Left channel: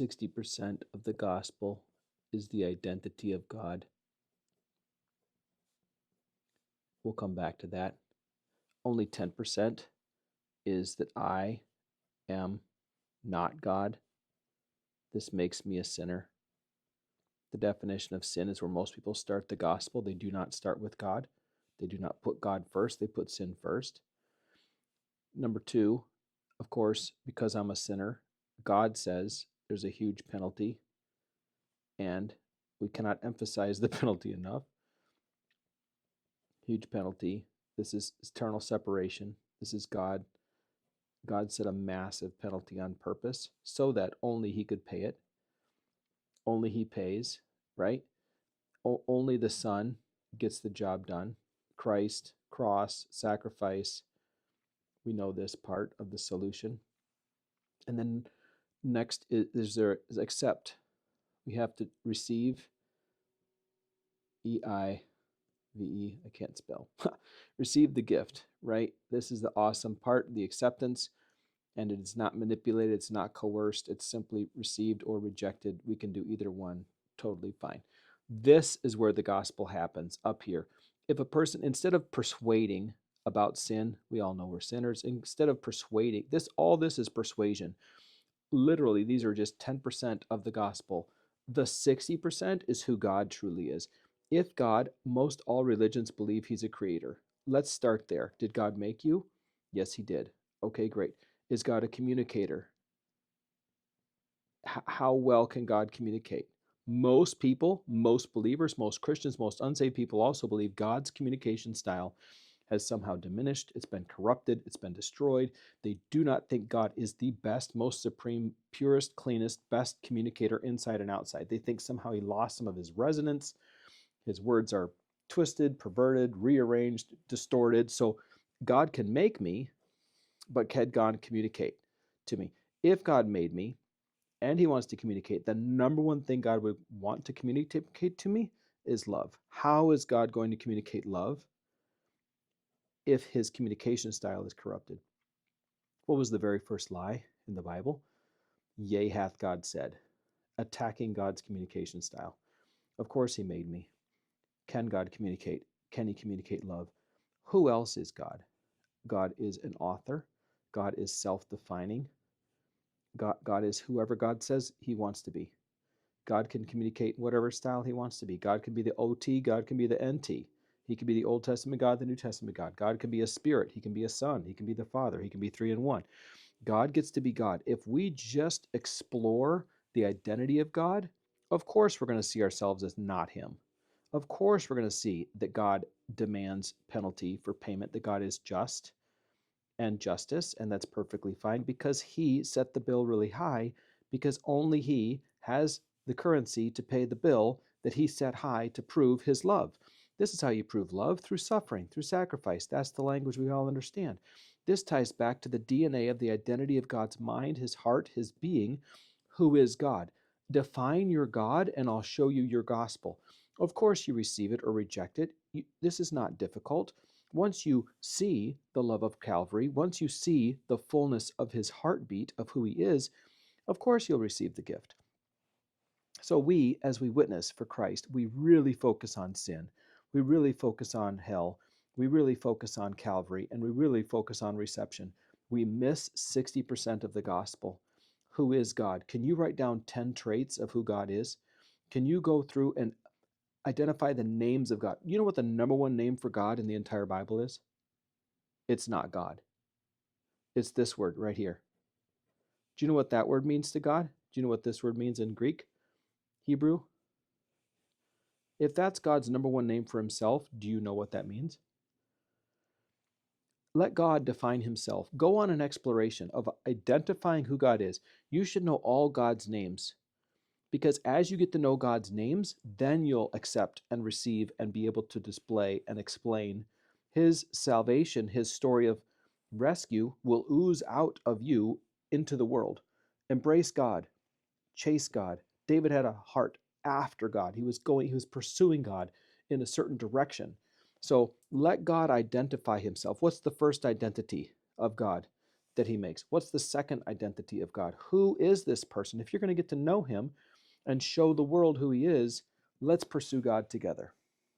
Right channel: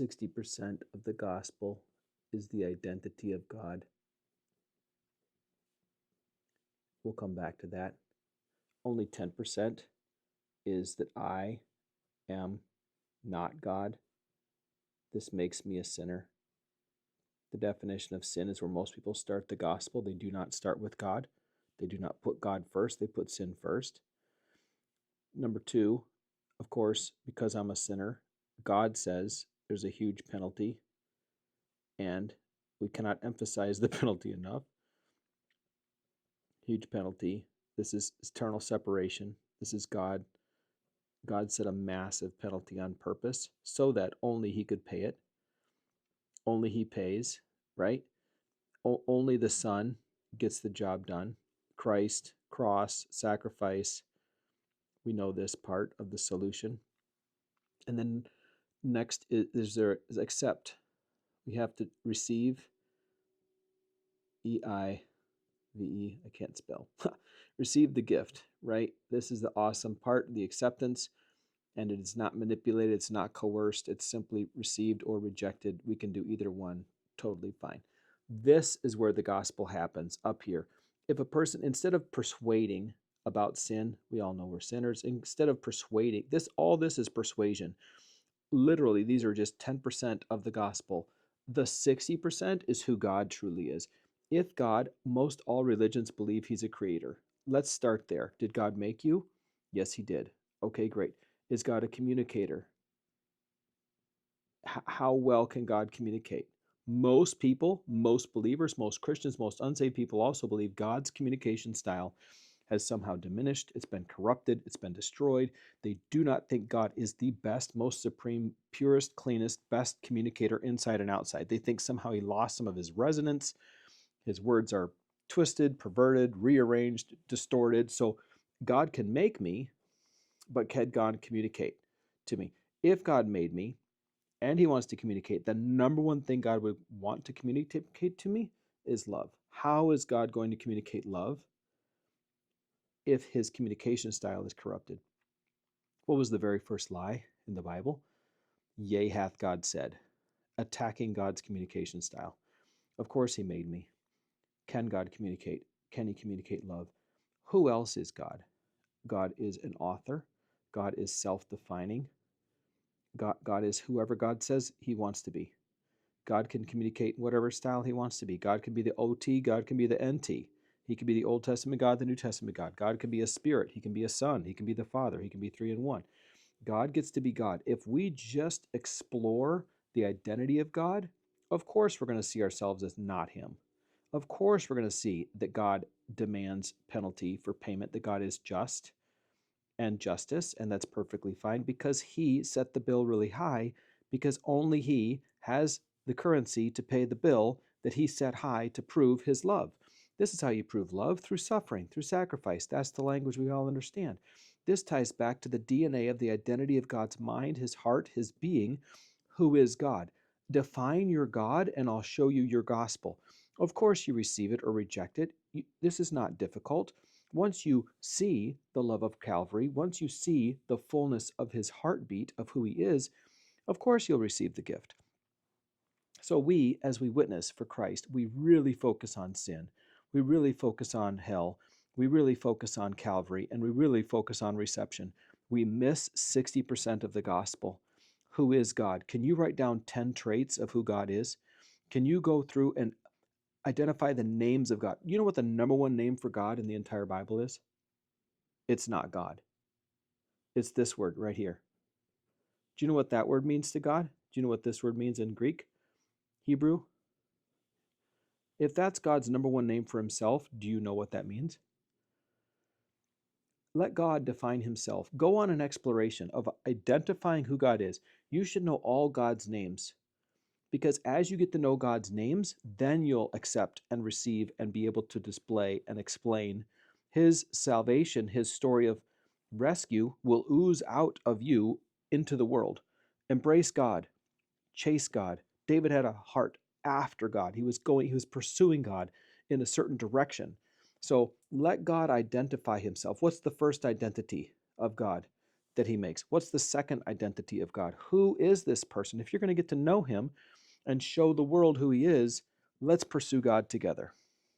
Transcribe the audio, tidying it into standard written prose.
60% of the gospel is the identity of God. We'll come back to that. Only 10% is that I am not God. This makes me a sinner. The definition of sin is where most people start the gospel. They do not start with God. They do not put God first. They put sin first. Number two, of course, because I'm a sinner, God says there's a huge penalty, and we cannot emphasize the penalty enough. Huge penalty. This is eternal separation. This is God. God set a massive penalty on purpose so that only he could pay it. Only he pays, right? Only the Son gets the job done. Christ, cross, sacrifice. We know this part of the solution. And then next is accept. We have to receive. E-I-V-E, I can't spell. Receive the gift, right? This is the awesome part, the acceptance. And it is not manipulated, it's not coerced, it's simply received or rejected. We can do either one, totally fine. This is where the gospel happens, up here. If a person, instead of persuading about sin, we all know we're sinners, instead of persuading, all this is persuasion. Literally, these are just 10% of the gospel. The 60% is who God truly is. If God, most all religions believe he's a creator. Let's start there. Did God make you? Yes, he did. Okay, great. Is God a communicator? How well can God communicate? Most people, most believers, most Christians, most unsaved people also believe God's communication style has somehow diminished. It's been corrupted. It's been destroyed. They do not think God is the best, most supreme, purest, cleanest, best communicator inside and outside. They think somehow he lost some of his resonance. His words are twisted, perverted, rearranged, distorted. So God can make me, but can God communicate to me? If God made me and he wants to communicate, the number one thing God would want to communicate to me is love. How is God going to communicate love if his communication style is corrupted? What was the very first lie in the Bible? Yea, hath God said, attacking God's communication style. Of course he made me. Can God communicate? Can he communicate love? Who else is God? God is an author. God is self-defining. God is whoever God says he wants to be. God can communicate whatever style he wants to be. God can be the OT. God can be the NT. He can be the Old Testament God, the New Testament God. God can be a spirit. He can be a son. He can be the Father. He can be 3 in 1. God gets to be God. If we just explore the identity of God, of course we're going to see ourselves as not him. Of course we're going to see that God demands penalty for payment, that God is just and justice, and that's perfectly fine because he set the bill really high, because only he has the currency to pay the bill that he set high to prove his love. This is how you prove love, through suffering, through sacrifice. That's the language we all understand. This ties back to the DNA of the identity of God's mind, his heart, his being. Who is God? Define your God and I'll show you your gospel. Of course you receive it or reject it. This is not difficult. Once you see the love of Calvary, once you see the fullness of his heartbeat of who he is, of course you'll receive the gift. So we, as we witness for Christ, we really focus on sin. We really focus on hell. We really focus on Calvary, and we really focus on reception. We miss 60% of the gospel. Who is God? Can you write down 10 traits of who God is? Can you go through and identify the names of God? You know what the number one name for God in the entire Bible is? It's not God. It's this word right here. Do you know what that word means to God? Do you know what this word means in Greek, Hebrew? If that's God's number one name for himself, do you know what that means? Let God define himself. Go on an exploration of identifying who God is. You should know all God's names, because as you get to know God's names, then you'll accept and receive and be able to display and explain his salvation. His story of rescue will ooze out of you into the world. Embrace God. Chase God. David had a heart after God. He was pursuing God in a certain direction. So let God identify himself. What's the first identity of God? that he makes. What's the second identity of God? Who is this person? If you're going to get to know him and show the world who he is, let's pursue God together.